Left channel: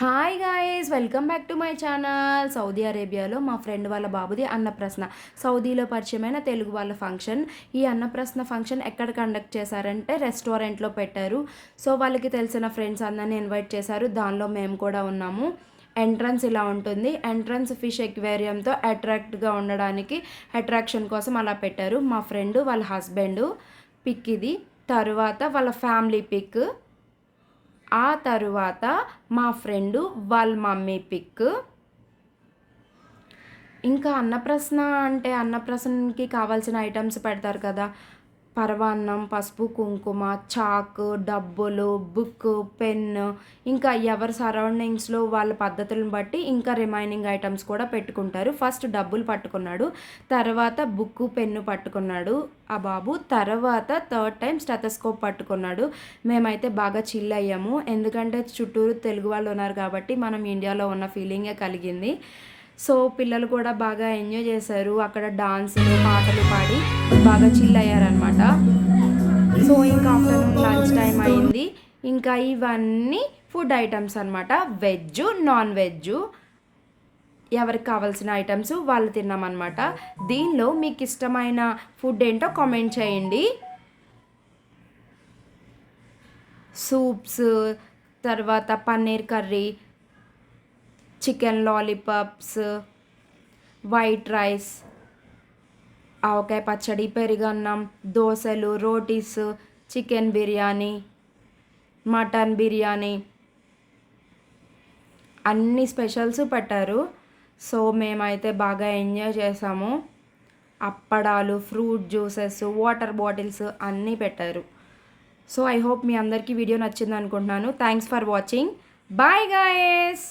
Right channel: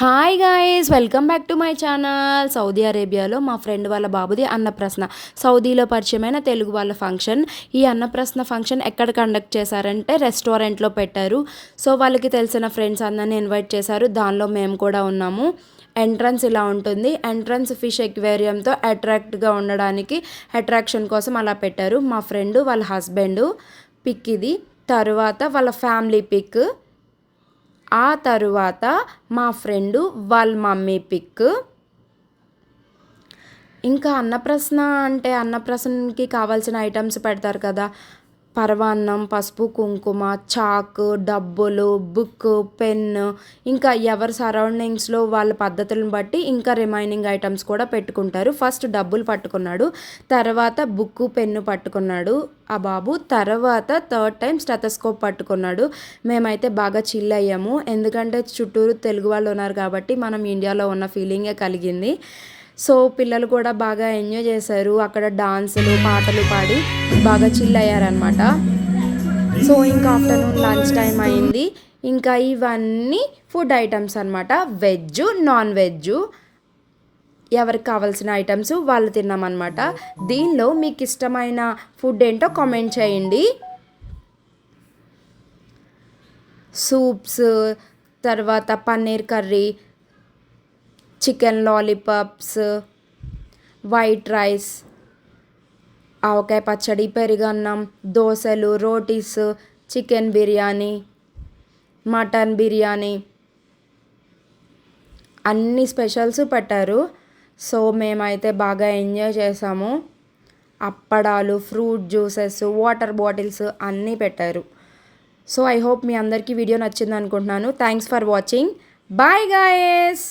Hi guys welcome back to my channel Saudi అరేబియాలో మా friend వాళ్ళ బాబుది అన్నప్రశ్న. సౌదీలో పరిచయమైన తెలుగు వాళ్ళ ఫంక్షన్ ఈ అన్నప్రశ్న ఫంక్షన్ ఎక్కడ కండక్ట్ చేశారంటే రెస్టారెంట్లో పెట్టారు. సో వాళ్ళకి తెలిసిన ఫ్రెండ్స్ అందరిని ఇన్వైట్ చేశారు. దానిలో మేము కూడా ఉన్నాము. ఎంట్రన్స్ ఇలా ఉంటుంది. ఎంట్రన్స్ ఫిష్ ఎక్వేరియంతో అట్రాక్ట్గా ఉండడానికి అట్రాక్షన్ కోసం అలా పెట్టారు. మా ఫ్రెండ్ వాళ్ళ హస్బెండ్ పిక్ ఇది. తర్వాత వాళ్ళ ఫ్యామిలీ పిక్ ఆ తరువాత మా ఫ్రెండు వాళ్ళ మమ్మీ పిక్. ఇంకా అన్నప్రసన అంటే అన్నప్రసన్నకి కావాల్సిన ఐటమ్స్ పెడతారు కదా. పరవాన్నం పసుపు కుంకుమ చాకు డబ్బులు బుక్ పెన్ ఇంకా ఎవరి సరౌండింగ్స్లో వాళ్ళ పద్ధతులను బట్టి ఇంకా రిమైనింగ్ ఐటమ్స్ కూడా పెట్టుకుంటారు. ఫస్ట్ డబ్బులు పట్టుకున్నాడు తర్వాత బుక్ పెన్ను పట్టుకున్నాడు ఆ బాబు తర్వాత థర్డ్ టైం స్టెథస్కోప్ పట్టుకున్నాడు. మేమైతే బాగా చిల్ అయ్యాము. ఎందుకంటే చుట్టూరు తెలుగు వాళ్ళు ఉన్నారు కాబట్టి మనం ఇండియాలో ఉన్న ఫీలింగే కలిగింది. సో పిల్లలు కూడా బాగా ఎంజాయ్ చేశారు. అక్కడ డాన్సులు పాటలు పాడి బాగా చిల్ అయ్యారనమాట సో ఇంకా ఆఫ్టర్నూన్ లంచ్ టైం అయింది. ఇంకా ఇవన్నీ ఫుడ్ ఐటమ్స్ అనమాట వెజ్ నాన్ వెజ్ ఎవరికి కావాల్సిన ఐటమ్స్ వాళ్ళు తిన్నామన్నమాట. దీనిలో మీకు ఇష్టమైన ఫుడ్ ఏంటో కామెంట్ చేయండి. సూప్స్ తర్వాత paneer curry chicken lollipops white rice ఆవకాయ పచ్చడి పెరుగన్నం దోశలు రోటీస్ చికెన్ బిర్యానీ మటన్ బిర్యానీ. అన్ని స్పెషల్స్ పెట్టారు. సో మేమైతే బాగా ఎంజాయ్ చేసాము. అప్పడాలు ఫ్రూట్ జ్యూసెస్ వాటర్ బాటిల్స్ అన్నీ పెట్టారు. సో ఐ హోప్ మీ అందరికీ వీడియో నచ్చింది అనుకుంటున్నాను thanks for watching. Bye guys!